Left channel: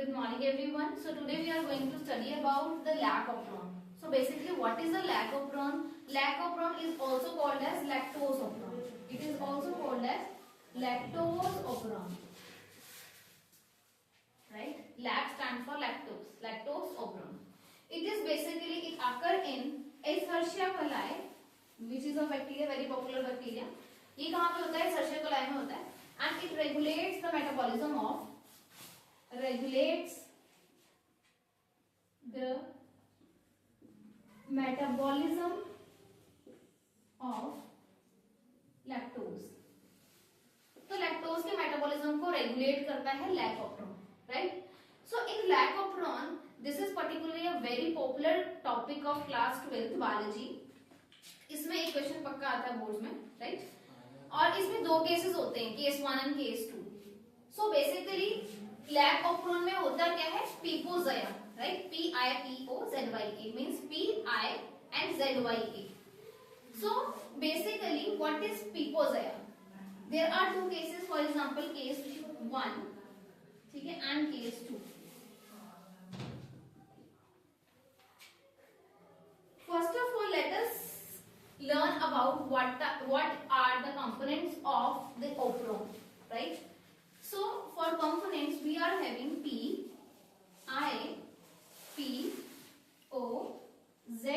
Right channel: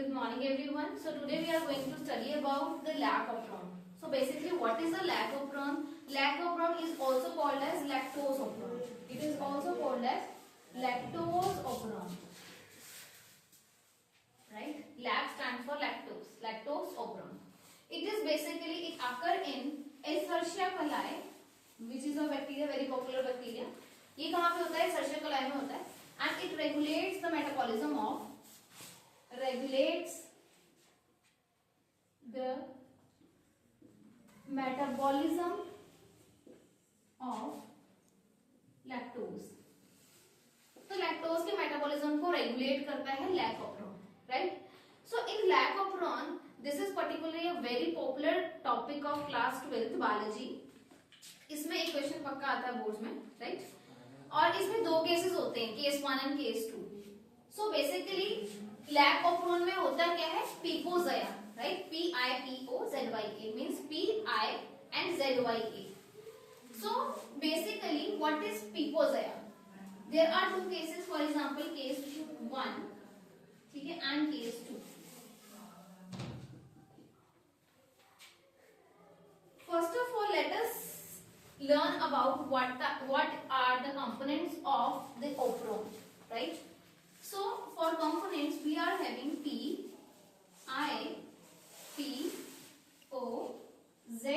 Good morning everyone. So today we are going to study about the lacoperon. So basically what is a lacoperon? Lacoperon is also called as lactoseoperon. It is also called as lactoseoperon. Right? Lac stands for lactose. Lactoseoperon. It is basically, it occur in Escherichia coli, which is a bacteria, very popular bacteria. ये कहाँ पे होता है? Escherichia coli में होता है. And it regulates the metabolism of lactose. तो lactose के मेटाबॉलिज्म को रेगुलेट करता है lac operon, right? So in lac operon this is particularly a very popular topic of class 12th biology. इसमें एक क्वेश्चन पक्का आता है बोर्ड में, राइट? और इसमें दो केसेस होते हैं, case 1 and case 2. So basically lac operon में होता क्या है? पिपोज़ाया, राइट? PIPOZYA मींस PI and ZYA. So basically what is pipoज़ाया? There are two cases, for example case 1, ठीक है, and case 2. First of all let us learn about what are the components of the operon, right? So for components we are having P, I, P, O, Z,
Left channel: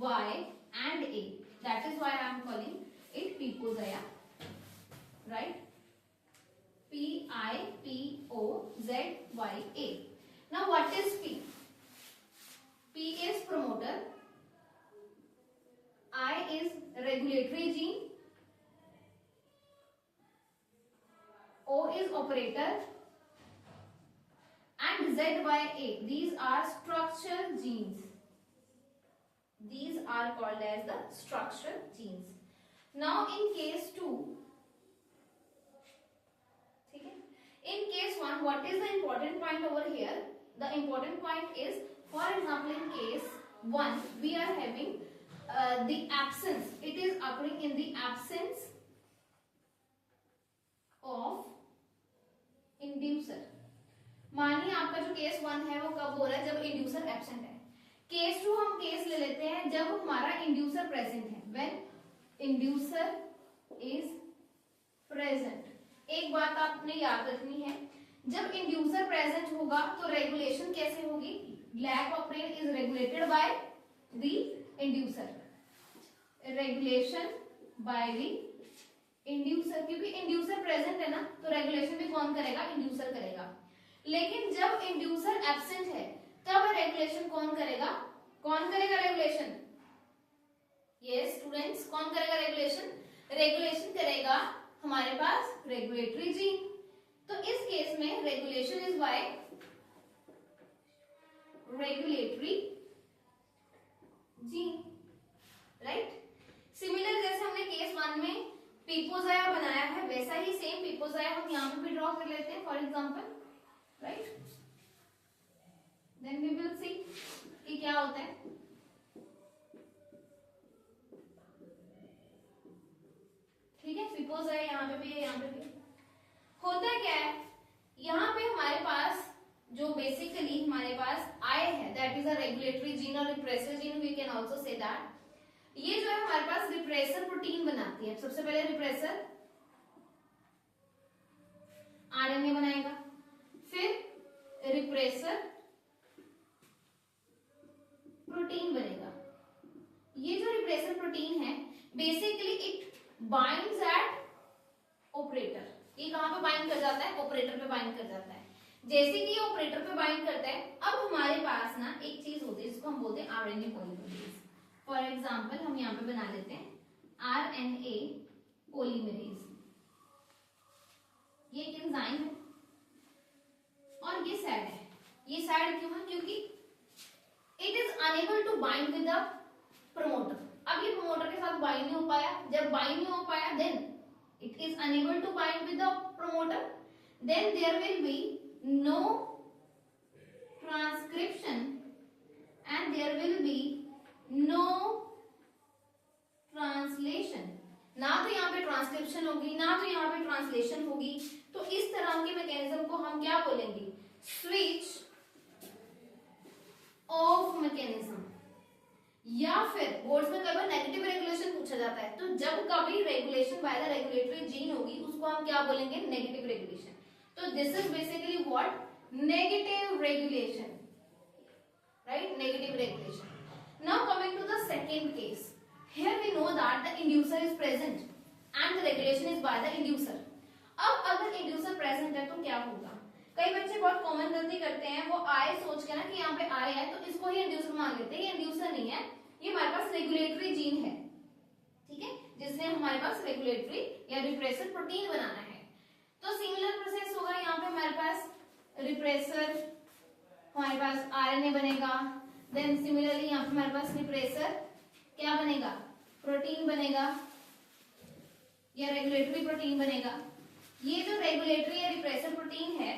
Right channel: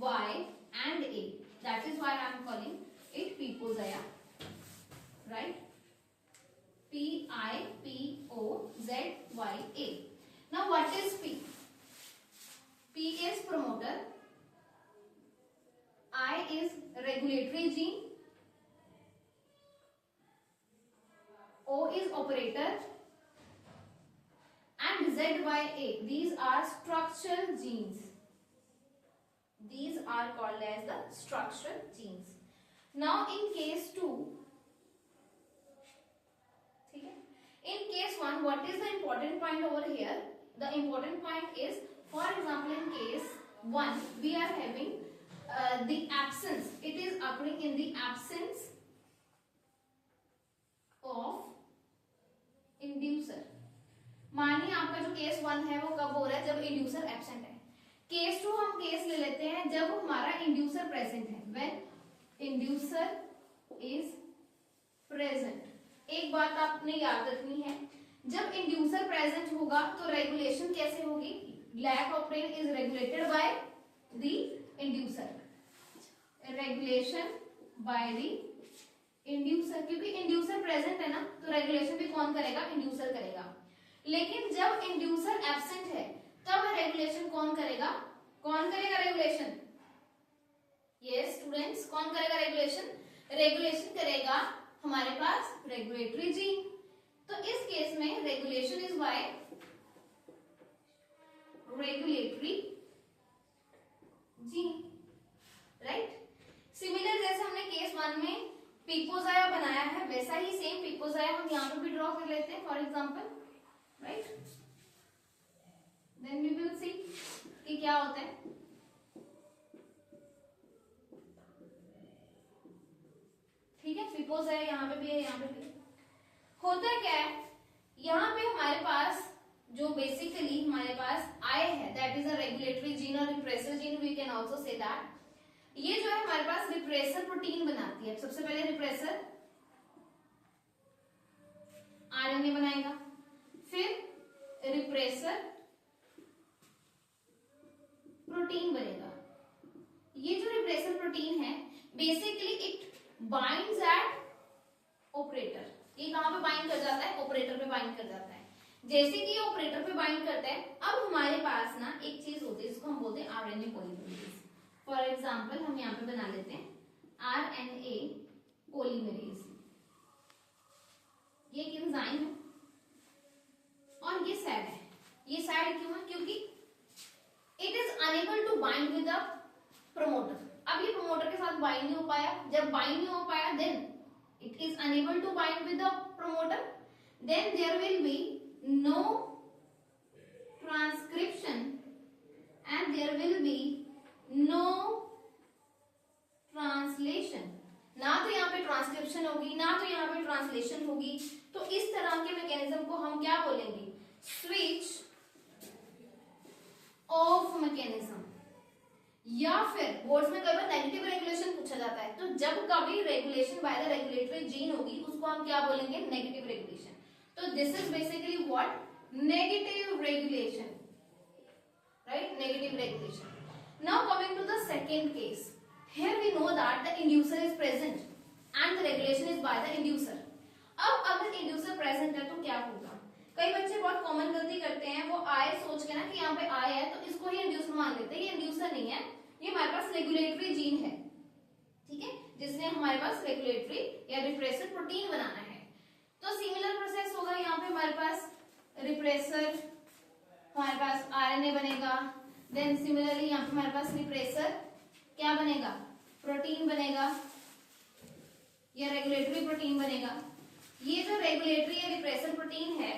Y and A. That is why I am calling it pipoज़ाया, right? P, I, P, O, Z, Y, A. Now what is P? P is promoter, I is regulatory gene, O is operator and ZYA, these are structural genes. These are called as the structural genes. Now in case 2, okay, in case 1 what is the important point over here? The important point is, for example in case 1 we are having the absence, it is occurring in the absence of inducer. मानिए आपका जो case 1 है वो कब हो रहा है? जब इंड्यूसर एब्सेंट है. केस 2 हम केस ले लेते हैं जब हमारा इंड्यूसर प्रेजेंट है. When inducer is present. एक बात आपने याद रखनी है, जब इंड्यूसर प्रेजेंट होगा तो रेगुलेशन कैसे होगी? Lac operon is regulated by the inducer. Regulation by the inducer, क्योंकि इंड्यूसर प्रेजेंट है ना, तो रेगुलेशन भी कौन करेगा? इंड्यूसर करेगा. लेकिन जब इंड्यूसर एब्सेंट है तब रेगुलेशन कौन करेगा? कौन करेगा रेगुलेशन? यस स्टूडेंट्स, कौन करेगा रेगुलेशन? रेगुलेशन करेगा हमारे पास रेगुलेटरी जीन. तो इस केस में regulation is by regulatory gene, right? Similar जैसे हमने केस 1 में पिपोज़ाया बनाया है, वैसा ही सेम पिपोज़ाया हम यहाँ पे भी ड्रॉ कर लेते हैं for example, right? Then we will see कि क्या होता है. ठीक है, पिपोज़ाया यहाँ पे भी है, यहाँ पे भी. होता क्या है, यहाँ पे हमारे पास जो बेसिकली हमारे पास आई है, that is a regulatory gene और repressor gene, we can also say that. ये जो है हमारे पास रिप्रेसर प्रोटीन बनाती है. सबसे पहले रिप्रेसर आरएनए बनाएगा, फिर रिप्रेसर प्रोटीन बनेगा. ये जो रिप्रेसर प्रोटीन है basically it binds at operator. ये कहां पे बाइंड कर जाता है? ऑपरेटर पे बाइंड कर जाता है. जैसे कि ये ऑपरेटर पे बाइंड करता है, अब हमारे पास ना एक चीज होती है जिसको हम बोलते हैं आरएनए पॉलीमरेज. फॉर एग्जाम्पल हम यहाँ पे बना लेते हैं आरएनए पॉलीमरेज. ये एक एंजाइम है और ये सैड है. ये सैड क्यों है? क्योंकि it is unable to bind with the promoter. अब ये प्रमोटर के साथ बाइंड नहीं हो पाया. जब बाइंड नहीं हो पाया then it is unable to bind with the promoter. Then there will be no transcription and there will be no translation. ना तो यहाँ पे ट्रांसक्रिप्शन होगी, ना तो यहाँ पे ट्रांसलेशन होगी. तो इस तरह के मैकेनिज्म को हम क्या बोलेंगे? स्विच ऑफ मैकेनिज्म, या फिर बोर्ड्स में कई बार नेगेटिव रेगुलेशन पूछा जाता है, तो जब कभी regulation by the regulatory gene होगी उसको हम क्या बोलेंगे, नेगेटिव रेगुलेशन। तो this is basically what, negative regulation, right, negative regulation. Now coming to the second case, here we know that the inducer is present and the regulation is by the inducer. अब अगर inducer present है तो क्या होगा, कई बच्चे बहुत common गलती करते हैं, वो आए सोच के ना कि यहाँ पे आए है तो इसको ही इंड्यूसर मान लेते हैं, ये इंड्यूसर नहीं है, ये हमारे पास रेगुलेटरी जीन है, ठीक है, जिसने हमारे पास रेगुलेटरी या रिप्रेसर प्रोटीन बनाना है। तो सिमिलर प्रोसेस होगा, यहाँ पे हमारे पास रिप्रेसर, हमारे पास आरएनए बनेगा, देन सिमिलरली यहाँ पे हमारे पास रिप्रेसर क्या बनेगा, प्रोटीन बनेगा या रेगुलेटरी प्रोटीन बनेगा। ये जो रेगुलेटरी या रिप्रेसर प्रोटीन है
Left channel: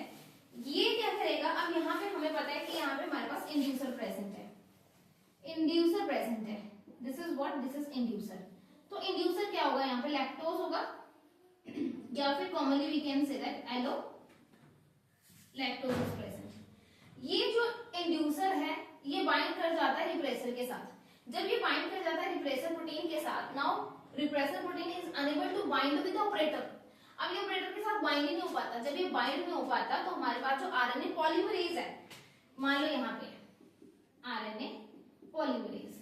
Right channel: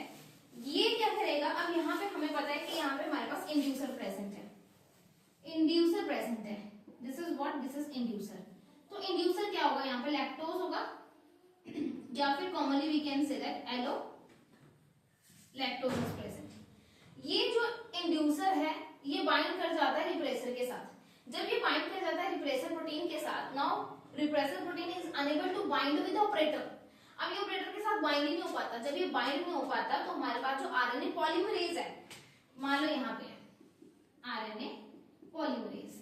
ये क्या करेगा, अब यहाँ पे हमें पता है कि यहाँ पे हमारे पास इंड्यूसर प्रेजेंट है, इंड्यूसर प्रेजेंट है, this is what, this is inducer. तो इंड्यूसर क्या होगा, यहाँ पे लैक्टोज होगा या फिर commonly we can say that allolactose is present. ये जो इंड्यूसर है ये बाइंड कर जाता है रिप्रेसर के साथ, जब ये बाइंड कर जाता है रिप्रेसर प्रोटीन के साथ, now repressor protein is unable to bind with operator. अब ये ऑपरेटर के साथ बाइंड ही नहीं हो पाता, जब ये बाइंड नहीं हो पाता तो हमारे पास जो आरएनए पॉलीमरेज है, मान लो यहाँ पे आरएनए पॉलीमरेज,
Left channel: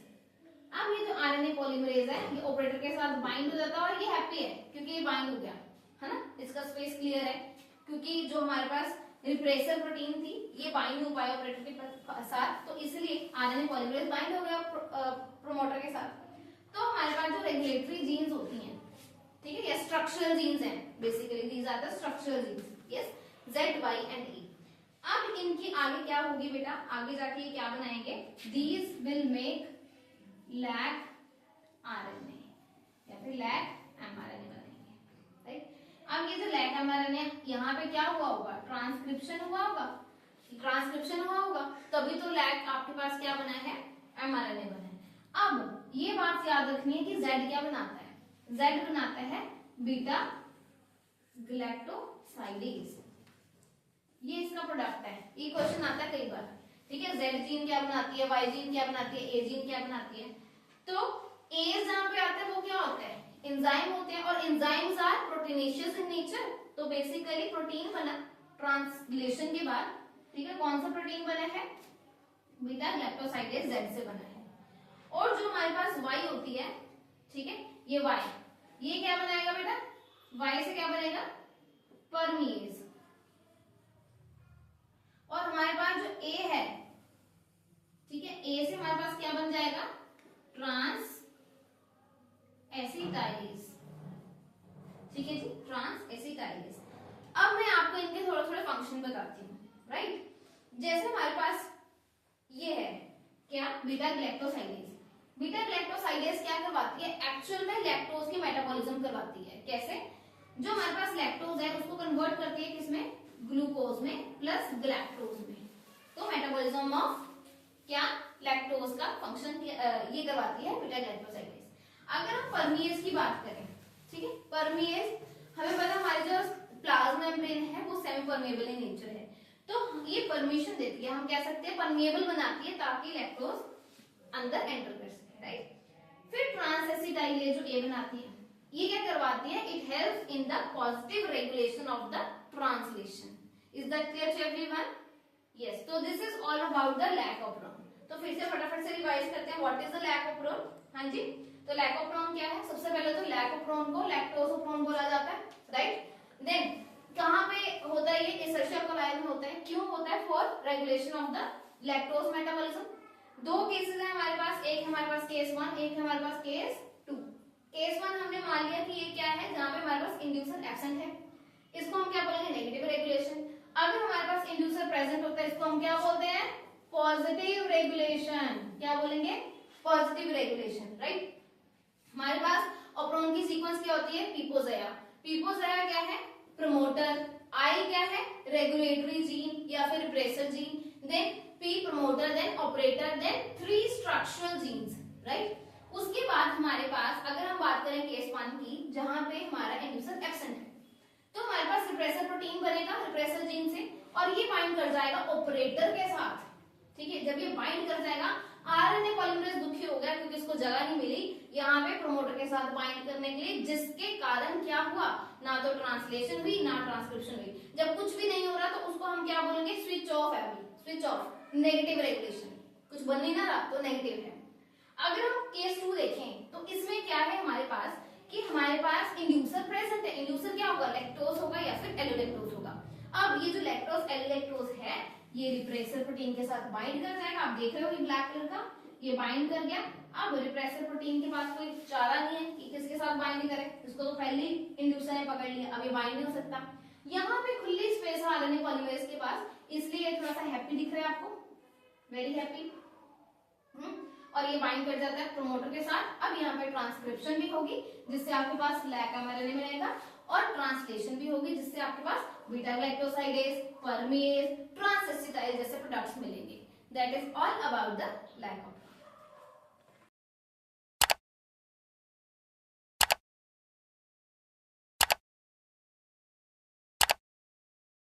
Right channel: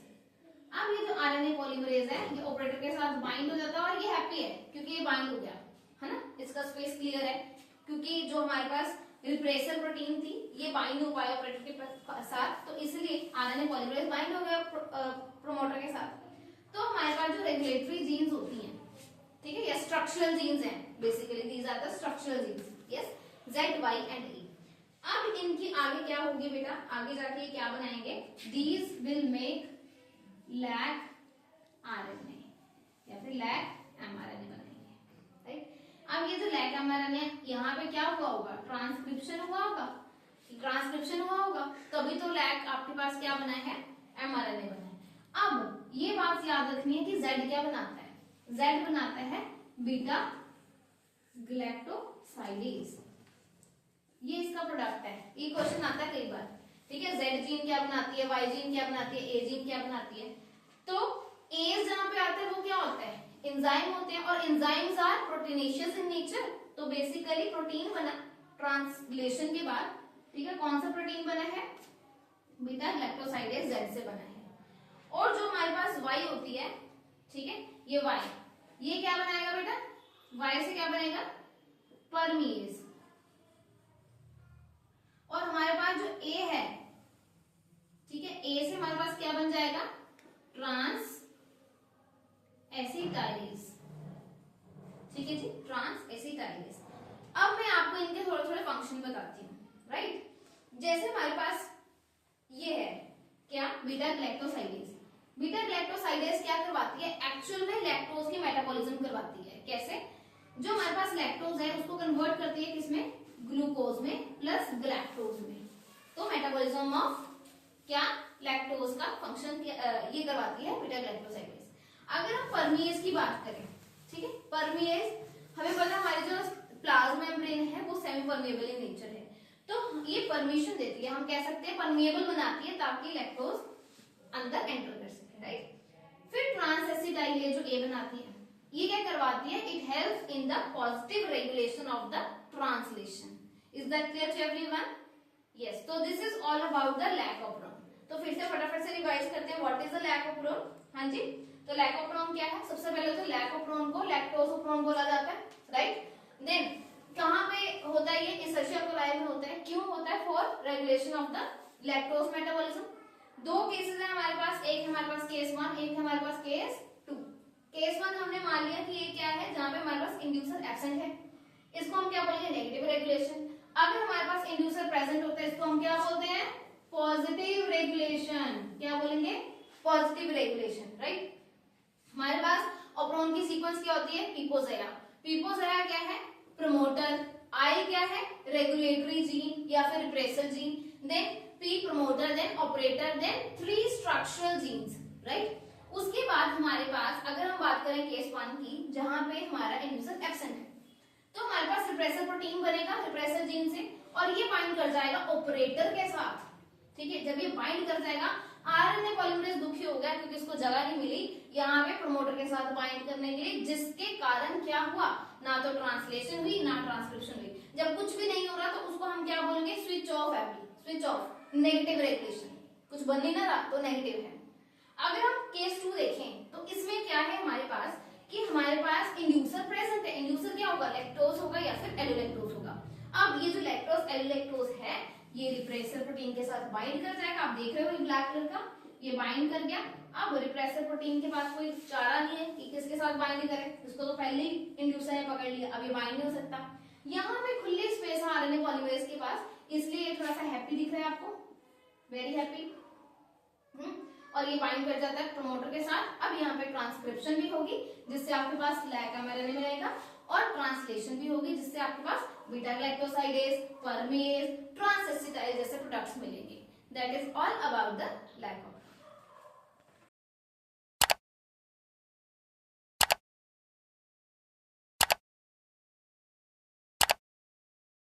अब ये जो आरएनए पॉलीमरेज है ये ऑपरेटर के साथ बाइंड हो जाता है और ये हैप्पी है क्योंकि ये बाइंड हो गया, है ना, इसका स्पेस क्लियर है, क्योंकि जो हमारे पास रिप्रेसर प्रोटीन थी ये बाइंड हो पाया ऑपरेटर के साथ, तो इसलिए आरएनए पॉलीमरेज बाइंड हो गया प्रोमोटर के साथ। तो हमारे पास जो रेगुलेटरी जीन्स होती हैं, ठीक है, या स्ट्रक्चरल जीन्स हैं, basically these are the structural genes, yes, Z, Y and E। अब इनकी आगे क्या होगी बेटा, आगे जाके ये क्या बनाएंगे, these will make lac RNA या फिर लैक mRNA बनाएंगे, राइट। अब ये जो लैक mRNA यहाँ पे क्या हुआ होगा, ट्रांसक्रिप्शन हुआ होगा, ट्रांसक्रिप्शन हुआ होगा, तभी तो लैक आपके पास क्या बना है, mRNA बना है। अब ये बात याद रखनी है कि Z क्या बनाता है, Z बनाता है बीटा ग्लैक्टोसाइडेज, ये इसका प्रोडक्ट है, ये क्वेश्चन आता है कई बार, ठीक है, Z जीन क्या बनाती है, Y जीन क्या बनाती है, A जीन क्या बनाती है। तो A जहां पे आता है वो क्या होता है, एंजाइम होते हैं, और enzymes are proteinaceous in nature, तो बेसिकली प्रोटीन बना ट्रांसलेशन के बाद, ठीक है, कौन सा प्रोटीन बना है, बीटा ग्लैक्टोसाइडेज Z से बना है। और जो हमारे पास Y होती है, ठीक है, ये Y, ये क्या बनाएगा बेटा, Y से क्या बनेगा, परमीज, और हमारे पास जो A है, ठीक है, A से हमारे पास क्या बन जाएगा, ट्रांस एसिटाइलेज, ठीक है जी, ट्रांस एसिटाइलेज। अब मैं आपको इनके थोड़े थोड़े फंक्शन बताती हूँ, राइट। जैसे हमारे पास ये है क्या, बीटा ग्लैक्टोसाइडेज, बीटा ग्लैक्टोसाइडेज क्या करवाती है, एक्चुअल में लैक्टोज की मेटाबॉलिज्म करवाती है। कैसे, जो हमारे पास लैक्टोज है उसको कन्वर्ट करती है किसमें, ग्लूकोज में प्लस ग्लैक्टोज में, तो मेटाबॉलिज्म ऑफ क्या, लैक्टोज का फंक्शन ये करवाती है बीटा ग्लैक्टोसाइडेज। अगर हम परमीएज की बात करें, ठीक है, परमीएज हमें पता है हमारी जो प्लाज्मा मेम्ब्रेन है वो सेमी परमेबल इन नेचर है, तो ये परमिशन देती है, हम कह सकते हैं परमेबल बनाती है ताकि लैक्टोज अंदर एंटर कर सके, राइट। फिर ट्रांस एसिटाइलेज जो ए बनाती है, ये क्या करवाती है, it helps in the positive regulation of the translation. Is that clear to everyone? Yes, तो this is all about the lac operon. तो फिर से फटाफट से रिवाइज करते हैं, what is the lac operon. हाँ जी, तो लैकोप्रोन क्या है, सबसे पहले तो लैकोप्रोन को लैक्टोसोप्रोन बोला जाता है, राइट। देन कहाँ पे होता है, ये एसेंशियल कोलाइल में होता है, क्यों होता है, for regulation of the lactose metabolism. दो केसेस है हमारे पास, एक हमारे पास केस 1, एक हमारे पास केस 2। केस 1 हमने मान लिया कि ये क्या है, जहां पे हमारे पास इंड्यूसर एब्सेंट है, इसको हम क्या बोलेंगे, नेगेटिव रेगुलेशन। अगर हमारे पास इंड्यूसर प्रेजेंट होता है इसको हम क्या बोलते हैं, पॉजिटिव रेगुलेशन। क्या बोलेंगे, पॉजिटिव रेगुलेशन, राइट। हमारे पास ऑप्रोन की सीक्वेंस क्या होती है, पीपोजया। पीपोजया क्या है, प्रमोटर, आई क्या है, रेगुलेटरी जीन या फिर repressor gene, then P promoter, then operator, then 3 structural genes, right. उसके बाद हमारे पास अगर हम बात करें केस 1 की, जहां पे हमारा इंड्यूसर एब्सेंट है, तो हमारे पास रिप्रेसर प्रोटीन बनेगा रिप्रेसर जीन से, और ये बाइंड कर जाएगा ऑपरेटर के साथ। ठीक है, जब ये बाइंड कर जाएगा, आरएनए पॉलीमरेज दुखी हो गया क्योंकि इसको जगह नहीं मिली यहाँ पे प्रमोटर के साथ बाइंड करने के लिए, जिसके कारण क्या हुआ, ना तो ट्रांसलेशन हुई ना ट्रांसक्रिप्शन हुई। जब कुछ भी नहीं हो रहा तो उसको हम क्या बोलेंगे, स्विच ऑफ है, स्विच ऑफ, नेगेटिव रेगुलेशन, कुछ बन नहीं ना रहा तो नेगेटिव है। अगर हम केस 2 देखें तो इसमें क्या है हमारे पास कि हमारे पास इंड्यूसर प्रेजेंट है। इंड्यूसर क्या होगा, लैक्टोज होगा या फिर एलोलैक्टोज होगा। अब ये जो लैक्टोज एलोलैक्टोज है ये रिप्रेसर प्रोटीन के साथ बाइंड कर जाएगा। आप देख रहे हो ये ब्लैक कलर का, ये बाइंड कर गया। अब रिप्रेसर प्रोटीन के पास कोई चारा नहीं है कि किसके साथ बाइंड करे, इसको तो पहले ही इंड्यूसर ने पकड़ लिया, अब ये बाइंड नहीं हो सकता। यहाँ पे खुली स्पेस है आरएनए पॉलीमरेज के पास, इसलिए ये थोड़ा सा हैप्पी दिख रहा है आपको, वेरी हैप्पी। और ये बाइंड कर जाता है प्रमोटर के साथ। अब यहाँ पे ट्रांसक्रिप्शन भी होगी जिससे आपके पास लैक एमआरएनए मिलेगा, और ट्रांसलेशन भी होगी जिससे आपके पास बीटा ग्लाइकोसाइडेज, परमेज, ट्रांसएसिटाइज जैसे प्रोडक्ट्स मिलेंगे। That is all about the lac of